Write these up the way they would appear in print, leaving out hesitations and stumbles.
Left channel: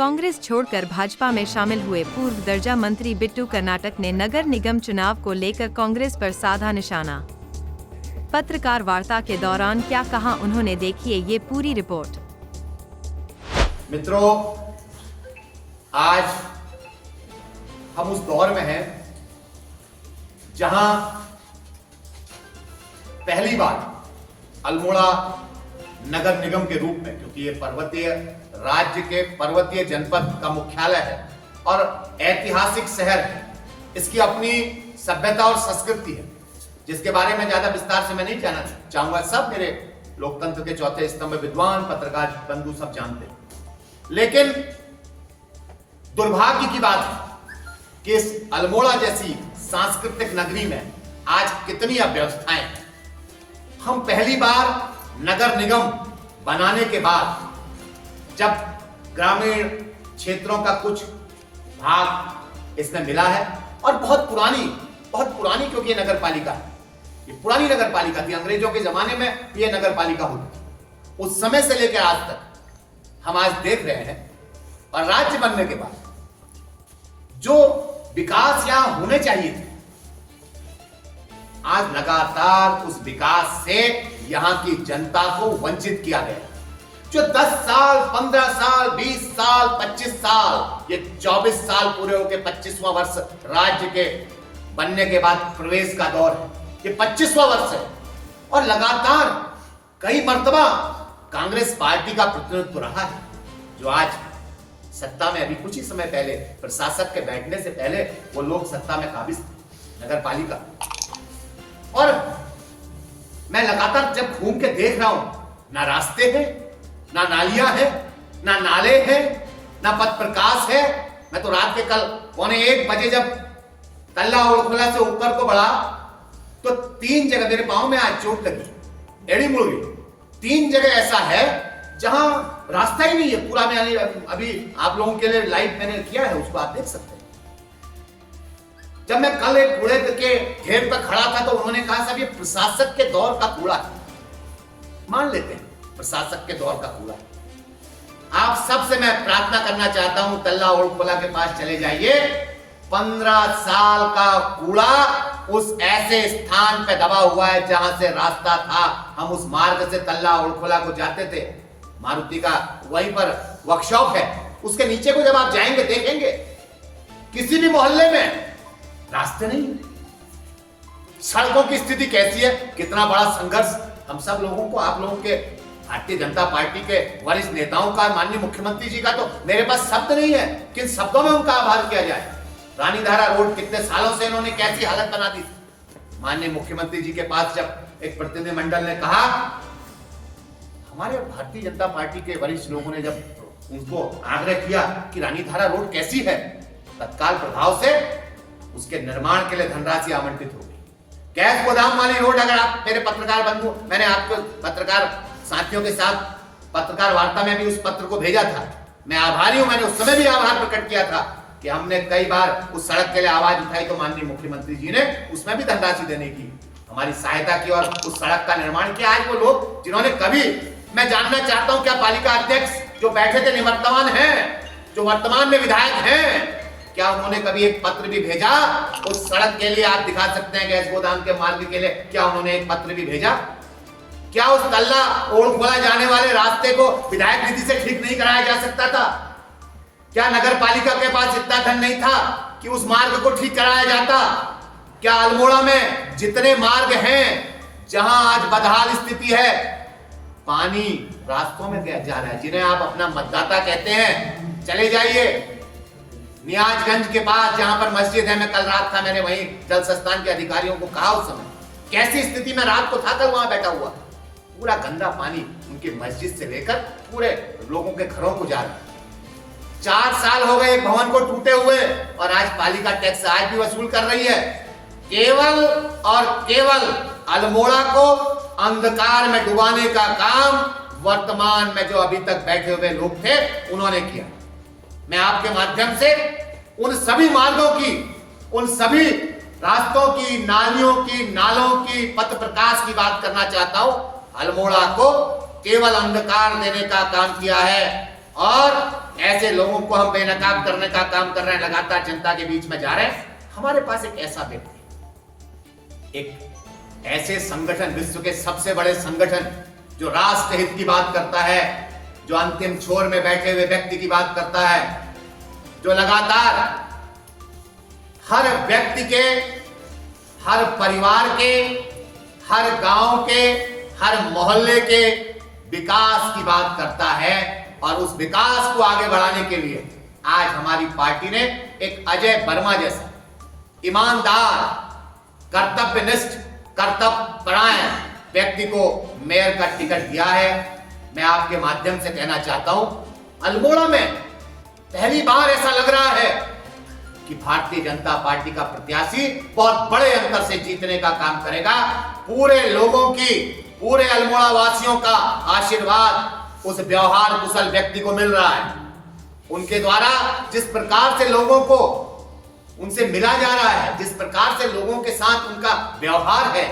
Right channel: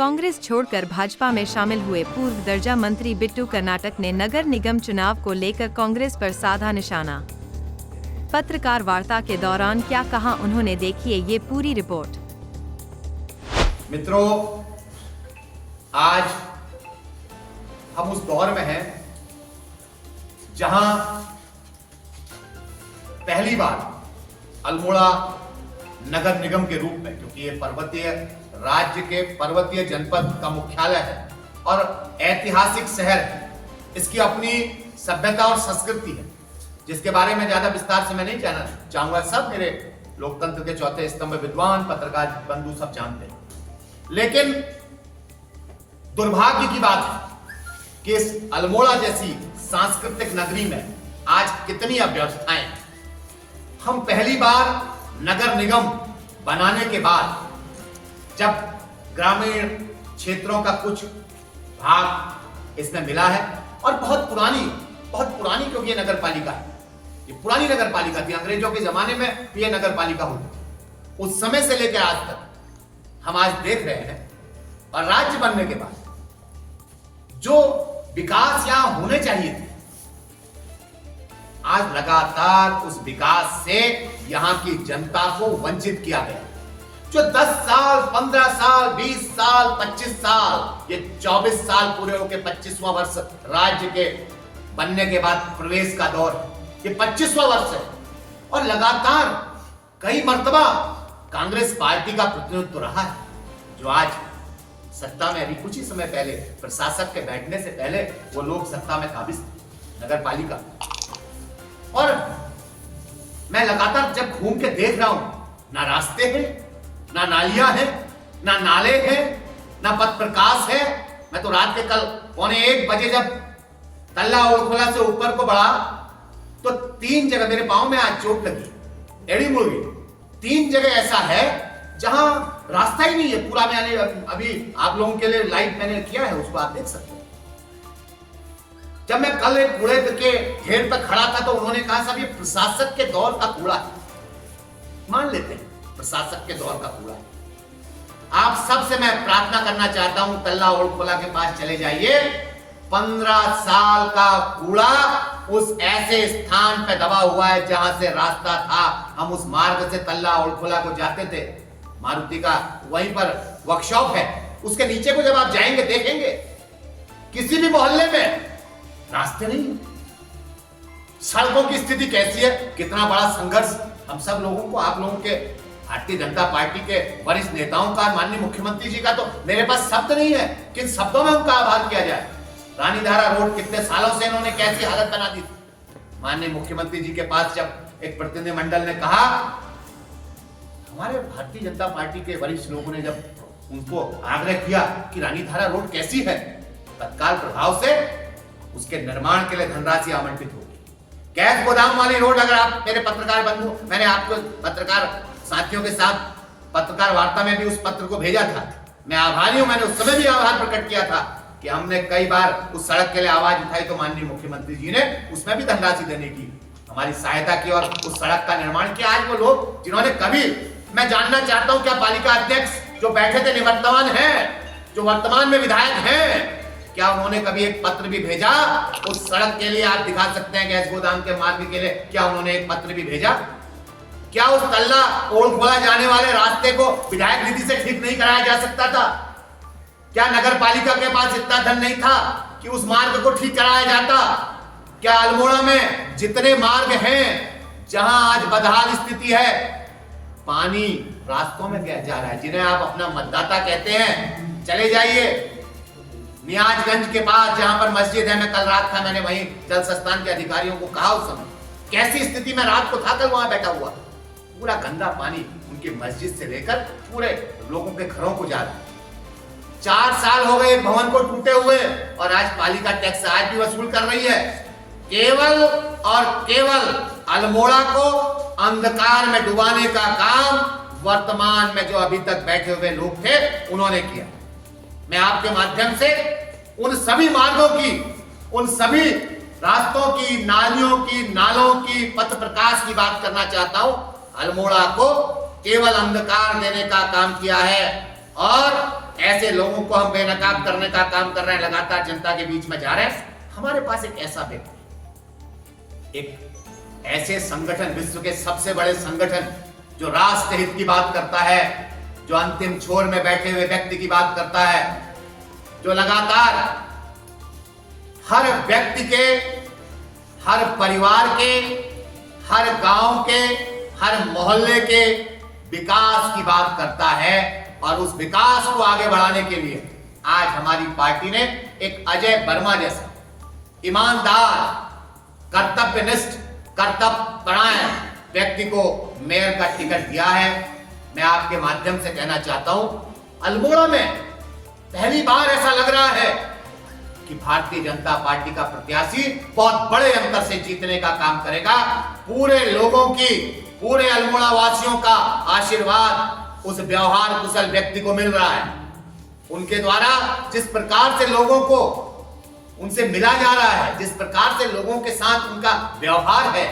कांग्रेस छोड़कर भाजपा में शामिल हुए पूर्व दर्जा मंत्री बिट्टू कर्नाटक ने नगर निगम चुनाव को लेकर कांग्रेस पर साधा निशाना। पत्रकार वार्ता के दौरान क्या कहा उन्होंने, देखिए ये पूरी रिपोर्ट। मित्रों, आज हम उस दौर में हैं जहां पहली बार अल्मोड़ा नगर निगम के रूप में, क्योंकि ये पर्वतीय राज्य के पर्वतीय जनपद का मुख्यालय है और ऐतिहासिक शहर है, इसकी अपनी सभ्यता और संस्कृति है, जिसके बारे में ज्यादा विस्तार से मैं नहीं कहना चाहूंगा। सब मेरे लोकतंत्र के चौथे स्तंभ विद्वान पत्रकार बंधु सब जानते हैं। लेकिन दुर्भाग्य की बात है कि इस अल्मोड़ा जैसी सांस्कृतिक नगरी में आज कितनी अव्यवस्थाएं हैं। हम पहली बार नगर निगम बनाने के बाद जब ग्रामीण क्षेत्रों का कुछ भाग इसमें मिला है, और बहुत पुरानी क्योंकि ये नगर पालिका है, ये पुरानी नगर पालिका थी, अंग्रेजों के जमाने में ये नगर पालिका हुई। उस समय से लेकर आज तक हम आज देख रहे हैं, और राज्य बनने के बाद जो विकास यहां होने चाहिए थे, आज लगातार उस विकास से यहां की जनता को वंचित किया गया। जो 10 साल, 15 साल, 20 साल, 25 साल, ये 24 साल पूरे होकर 25वां वर्ष राज्य के बनने के बाद प्रवेश का दौर है, ये 25वां वर्ष है। और लगातार कई मर्तबा कांग्रेस पार्टी का प्रतिनिधित्व रहा है, जो आज सत्ता में, अभी कुछ ही समय पहले प्रशासक के बैठने से पहले वो लोग सत्ता में काबिज थे, नगर पालिका। और मैं लगातार जब घूम के देख रहा हूं, ना रास्ते हैं, ना नालियां हैं, ना नाले हैं, ना पथ प्रकाश है। मैं तो रात के कल 1:15 बजे जब तल्ला ओरखोला से ऊपर को बढ़ा तो 3 जगह मेरे पांव में आज चोट लगी, एड़ी मुड़ गई। 3 जगह ऐसा है जहां रास्ता ही नहीं है पूरा। मैंने अभी आप लोगों के लिए लाइव मैंने किया है, उसको आप देख सकते हैं। जब मैं कल एक कूड़े के ढेर पर खड़ा था तो उन्होंने कहा साहब ये प्रशासक के दौर का कूड़ा है। मान लेते हैं प्रशासक के दौर का कूड़ा है। आप सबसे मैं प्रार्थना करना चाहता हूं, तल्ला ओरखोला के पास चले जाइए। 15 साल का कूड़ा उस ऐसे स्थान पे दबा हुआ है जहां से रास्ता था। हम उस मार्ग से तल्ला ओरखोला को जाते थे, मारुति का वहीं पर वर्कशॉप है, उसके नीचे को जब आप जाएंगे देखेंगे किसी भी मोहल्ले में रास्ते नहीं है। सड़कों की स्थिति कैसी है, कितना बड़ा संघर्ष हम सब लोगों को, आप लोगों के, भारतीय जनता पार्टी के वरिष्ठ नेताओं का, माननीय मुख्यमंत्री जी का तो मेरे पास शब्द नहीं है, किन शब्दों में उनका आभार किया जाए। रानीधारा रोड कितने सालों से इन्होंने कैसी हालत बना दी। माननीय मुख्यमंत्री जी के पास जब एक प्रतिनिधिमंडल ने कहा, हमारे भारतीय जनता पार्टी के वरिष्ठ लोगों ने जब उनको आग्रह किया कि रानीधारा रोड कैसी है, तत्काल प्रभाव से उसके निर्माण के लिए धनराशि आवंटित हो गई। गैस गोदाम वाली रोड, अगर आप मेरे पत्रकार बंधु, मैंने आपको पत्रकार साथियों के साथ पत्रकार वार्ता में भी उस पत्र को भेजा था, मैं आभारी हूं। मैंने उस समय भी आभार प्रकट किया था कि हमने कई बार उस सड़क के लिए आवाज उठाई, तो माननीय मुख्यमंत्री जी ने उसमें भी धनराशि देने की हमारी सहायता की और उस सड़क का निर्माण किया। आज वो लोग जिन्होंने कभी, मैं जानना चाहता हूं क्या पालिका अध्यक्ष जो बैठे थे निवर्तमान हैं, जो वर्तमान में विधायक हैं, क्या उन्होंने कभी एक पत्र भी भेजा उस सड़क के लिए? आप दिखा सकते हैं गैस गोदाम के मार्ग के लिए, क्या उन्होंने एक पत्र भी भेजा? क्या उस तल्ला ओरखोला जाने वाले रास्ते को विधायक निधि से ठीक नहीं कराया जा सकता था? क्या नगर पालिका के पास इतना धन नहीं था कि उस मार्ग को ठीक कराया जाता? क्या अल्मोड़ा में जितने मार्ग हैं जहां आज बदहाल स्थिति है, पानी रास्तों में जा रहा है, जिन्हें आप अपना मतदाता कहते हैं, चले जाइए नियाजगंज के पास जहां पर मस्जिद है, मैं कल रात था, मैंने वहीं जल संस्थान के अधिकारियों को कहा उस समय कैसी स्थिति में रात को था, कल वहां बैठा हुआ, पूरा गंदा पानी उनकी मस्जिद से लेकर पूरे लोगों के घरों को जा रहा है। 4 साल हो गए एक भवन को टूटे हुए, और आज पालिका टैक्स आज भी वसूल कर रही है। केवल और केवल अल्मोड़ा को अंधकार में डुबाने का काम वर्तमान में जो अभी तक बैठे हुए लोग थे उन्होंने किया। मैं आपके माध्यम से उन सभी मार्गों की, उन सभी रास्तों की, नालियों की, नालों की, पथ प्रकाश की बात करना चाहता हूं। अल्मोड़ा को केवल अंधकार देने का काम किया है और ऐसे लोगों को हम बेनकाब करने का काम कर रहे हैं, लगातार जनता के बीच में जा रहे हैं। हमारे पास एक ऐसा व्यक्ति, एक ऐसे संगठन, विश्व के सबसे बड़े संगठन जो राष्ट्र हित की बात करता है, जो अंतिम छोर में बैठे हुए व्यक्ति की बात करता है, जो लगातार हर व्यक्ति के, हर परिवार के, हर गांव के, हर मोहल्ले के विकास की बात करता है। और उस विकास को आगे बढ़ाने के लिए आज हमारी पार्टी ने एक अजय वर्मा जैसा ईमानदार, कर्तव्यनिष्ठ, कर्तव्यपरायण व्यक्ति को मेयर का टिकट दिया है। मैं आपके माध्यम से कहना चाहता हूं, अल्मोड़ा में पहली बार ऐसा लग रहा है कि भारतीय जनता पार्टी का प्रत्याशी बहुत बड़े अंतर से जीतने का काम करेगा। पूरे लोगों की, पूरे अल्मोड़ा वासियों का आशीर्वाद उस व्यवहार कुशल व्यक्ति को मिल रहा है। उनके द्वारा जिस प्रकार से लोगों को उनसे मिला जा रहा है, जिस प्रकार से लोगों के साथ उनका व्यवहार है,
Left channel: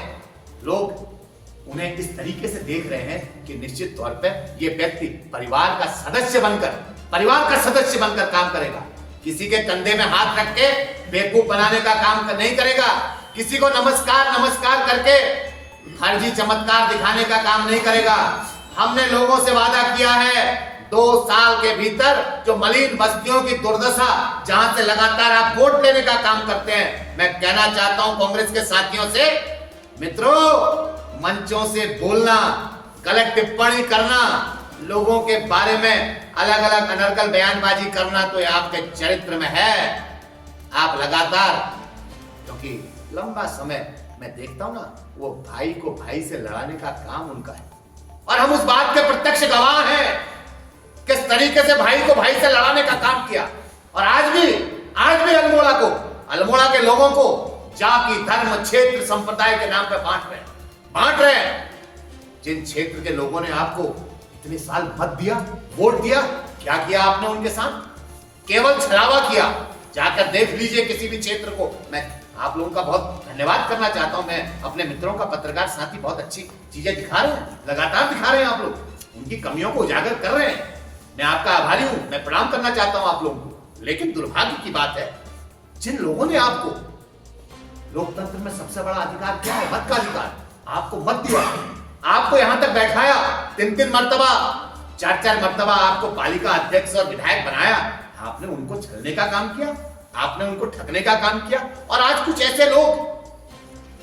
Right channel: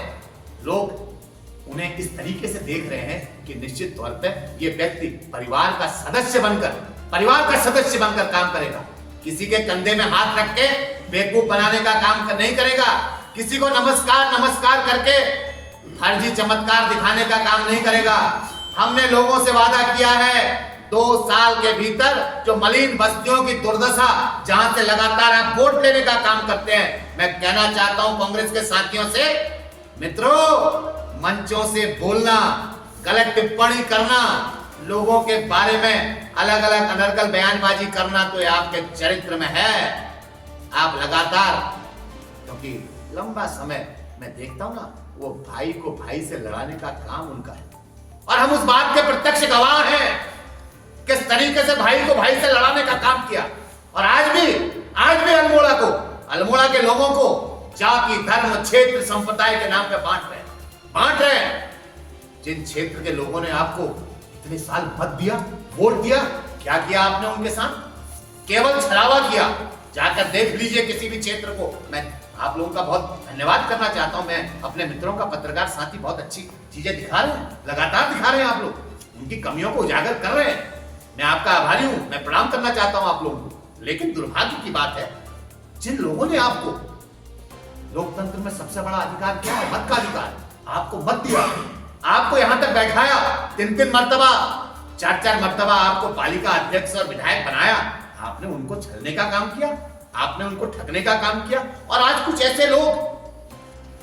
लोग उन्हें इस तरीके से देख रहे हैं कि निश्चित तौर पर यह व्यक्ति परिवार का सदस्य बनकर काम करेगा। किसी के कंधे में हाथ रख के बेवकूफ बनाने का काम नहीं करेगा। किसी को नमस्कार करके फर्जी चमत्कार दिखाने का काम नहीं करेगा। हमने लोगों से वादा किया है 2 साल के भीतर जो मलिन बस्तियों की दुर्दशा, जहां से लगातार आप वोट लेने का काम करते हैं, मैं कहना चाहता हूं कांग्रेस के साथियों से, मित्रों, मंचों से बोलना, गलत टिप्पणी करना, लोगों के बारे में अलग अलग अनर्गल बयानबाजी करना तो आपके चरित्र में है। आप लगातार, क्योंकि लंबा समय मैं देखता हूं ना, वो भाई को भाई से लड़ाने का काम उनका है और हम उस बात के प्रत्यक्ष गवाह हैं किस तरीके से भाई को भाई से लड़ाने का काम किया। और आज भी अल्मोड़ा के लोगों को जाति, धर्म, क्षेत्र, संप्रदाय के नाम पे बांट रहे हैं। जिन क्षेत्र के लोगों ने आपको इतने साल मत दिया, वोट दिया, क्या किया आपने उनके साथ? केवल छलावा किया। जाकर देख लीजिए किसी भी क्षेत्र को। मैं आप लोगों का बहुत धन्यवाद करना चाहता हूं। मैं अपने मित्रों का, पत्रकार साथी बहुत अच्छी चीजें दिखा रहे हैं, लगातार दिखा रहे हैं। आप लोग उनकी कमियों को उजागर कर रहे हैं। मैं आपका आभारी हूं, मैं प्रणाम करना चाहता हूं आप लोगों को। लेकिन दुर्भाग्य की बात है, जिन लोगों ने आपको, लोकतंत्र में सबसे बड़ा अधिकार क्या है? मत का अधिकार। आपको मत दिया, आपको यहां तक बैठाया, 3 मर्तबा, 4 मर्तबा आपको पालिका अध्यक्ष और विधायक बनाया। आपने उनको छलने का काम किया, आपने उनको ठगने का काम किया। और आज कुछ ऐसे लोग,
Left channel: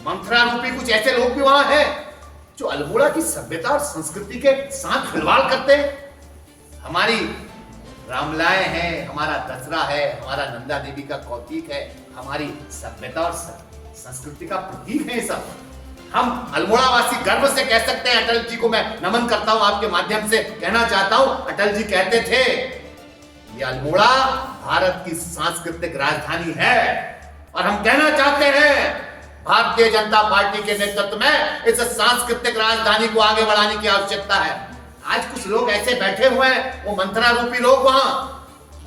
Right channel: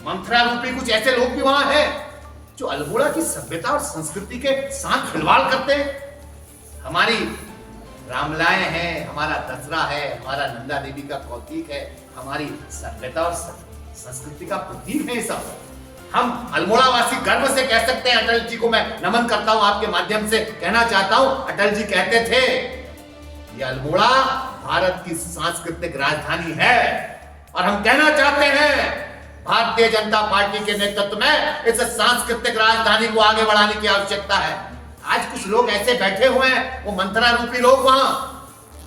मंत्रा रूपी कुछ ऐसे लोग भी वहां हैं जो अल्मोड़ा की सभ्यता और संस्कृति के साथ खिलवाड़ करते हैं। हमारी रामलाएं हैं, हमारा दसरा है, हमारा नंदा देवी का कौतिक है, हमारी सभ्यता और संस्कृति का प्रतीक है ये सब। हम अल्मोड़ा वासी गर्व से कह सकते हैं। अटल जी को मैं नमन करता हूं, आपके माध्यम से कहना चाहता हूं, अटल जी कहते थे ये अल्मोड़ा भारत की सांस्कृतिक राजधानी है। और हम कहना चाहते हैं भारतीय जनता पार्टी के नेतृत्व में इस सांस्कृतिक राजधानी को आगे बढ़ाने की आवश्यकता है। आज कुछ लोग ऐसे बैठे हुए हैं, वो मंत्रा रूपी लोग वहां,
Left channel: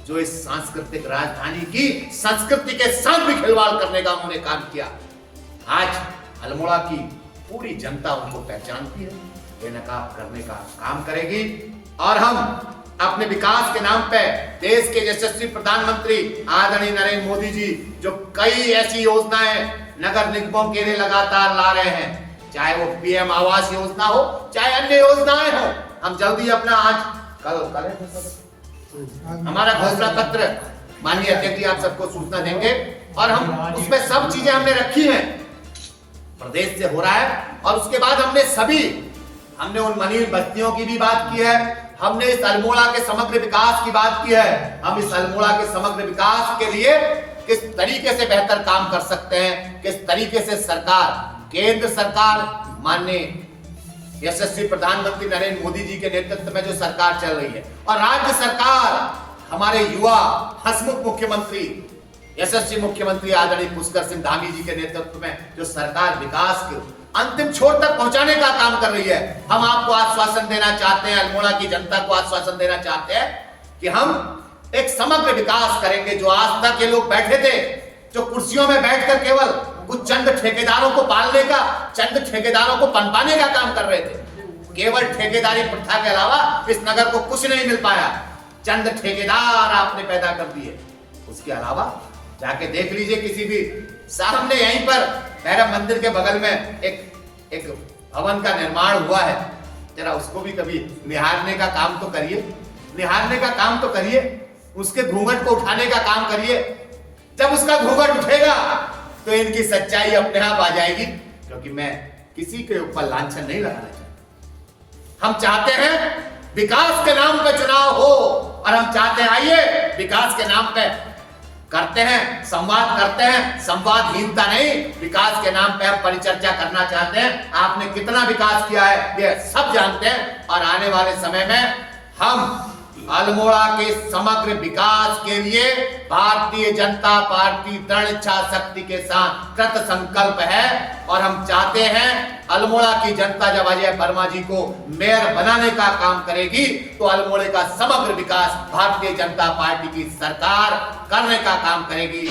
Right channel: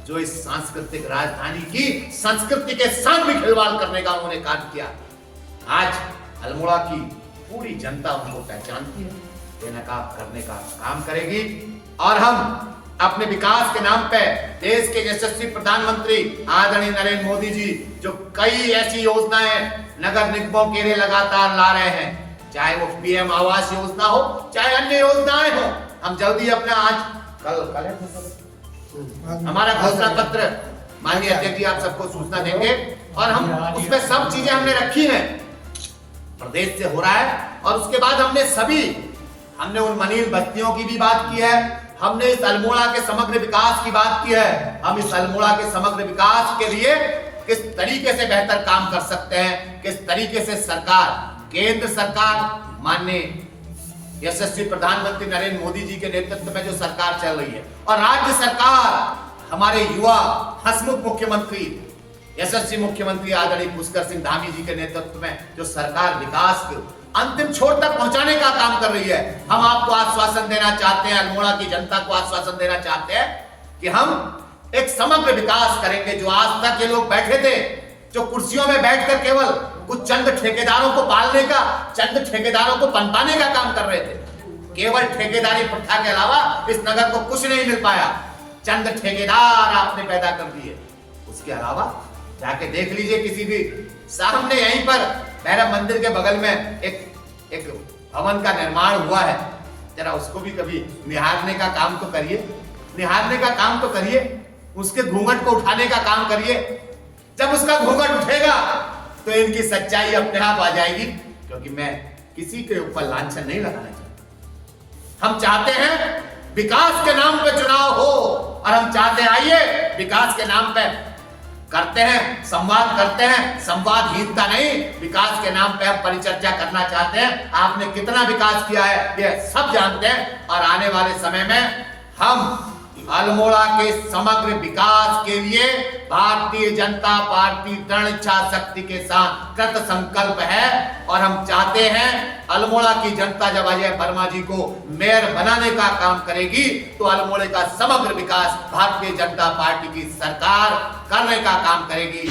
जो इस सांस्कृतिक राजधानी की संस्कृति के साथ भी खिलवाड़ करने का उन्होंने काम किया। आज अल्मोड़ा की पूरी जनता उनको पहचानती है, बेनकाब करने का काम करेगी। और हम अपने विकास के नाम पे देश के यशस्वी प्रधानमंत्री आदरणीय नरेंद्र मोदी जी जो कई ऐसी योजनाएं नगर निगमों के लिए लगातार ला रहे हैं, चाहे वो पीएम आवास योजना हो, चाहे अन्य योजनाएं हो। हम जल्दी अपना कल हमारा घोषणा पत्र माननीय अध्यक्ष जी आप सबको सूचना देंगे और हम उसमें सब चीजें हमने रखी हैं, प्रदेश से हो रहा है। और उसके बाद हमने उन मलिन बस्तियों की भी बात की है, हमने इस अल्मोड़ा के समग्र विकास की बात की है। हम इस अल्मोड़ा के समग्र विकास के लिए किस तरीके से बेहतर काम कर सकते हैं, किस तरीके से सरकार, केंद्र सरकार, माननीय यशस्वी प्रधानमंत्री नरेंद्र मोदी जी के नेतृत्व में जो सरकार चल रही है, और राज्य सरकार, हमारे युवा हंसमुख मुख्यमंत्री, यशस्वी मुख्यमंत्री आदरणीय पुष्कर सिंह धामी जी के नेतृत्व में जो सरकार विकास के अंतिम छोर तक पहुंचाने का काम कर रही है। हम आपको आश्वासन देना चाहते हैं, अल्मोड़ा की जनता को आश्वासन देना चाहते हैं कि हम एक समग्र विकास करेंगे। जो आज तक ये लोग बैठे थे, जो कुर्सियों में बैठकर केवल कुछ चंद ठेकेदारों को पालने का, चंद ठेकेदारों को पनपाने का काम कर रहे थे, केवल ठेकेदारी प्रथा के अलावा इस नगर को कुछ नहीं मिल पाया। चंद ठेकेदार आपने पैदा कर दिए। उसके अलावा जाके देख लीजिए किसी भी सामने यहीं पर भैरव मंदिर के बगल में एक भवन का निर्माण हुआ है, जरा उसको भी कभी निहारने का काम तो करिए, निहारने का काम तो करिए, उसके घूंघट को उठाने का काम करिए। जब उसका घूंघट उठेगा तो इनकी सच्चाई अपने आप आ जाएगी, क्योंकि मैं किसी के ऊपर लांछन नहीं लगाना चाहता। हम चाहते हैं विकास के नाम पे चुनाव हो, और हम चाहते हैं आइए विकास के नाम पे करते हैं, संवाद करते हैं, संवादहीनता नहीं, विकास के नाम पे हम परिचर्चा करना चाहते हैं। आपने कितना विकास किया है ये सब जानते हैं, और आने वाले समय में हम अल्मोड़ा के समग्र विकास के लिए भारतीय जनता पार्टी दृढ़ इच्छा शक्ति के साथ कृत संकल्प है। और हम चाहते हैं अल्मोड़ा की जनता जब अजय वर्मा जी को मेयर बनाने का काम करेगी तो अल्मोड़े का समग्र विकास भारतीय जनता पार्टी की सरकार करने का काम करेगी।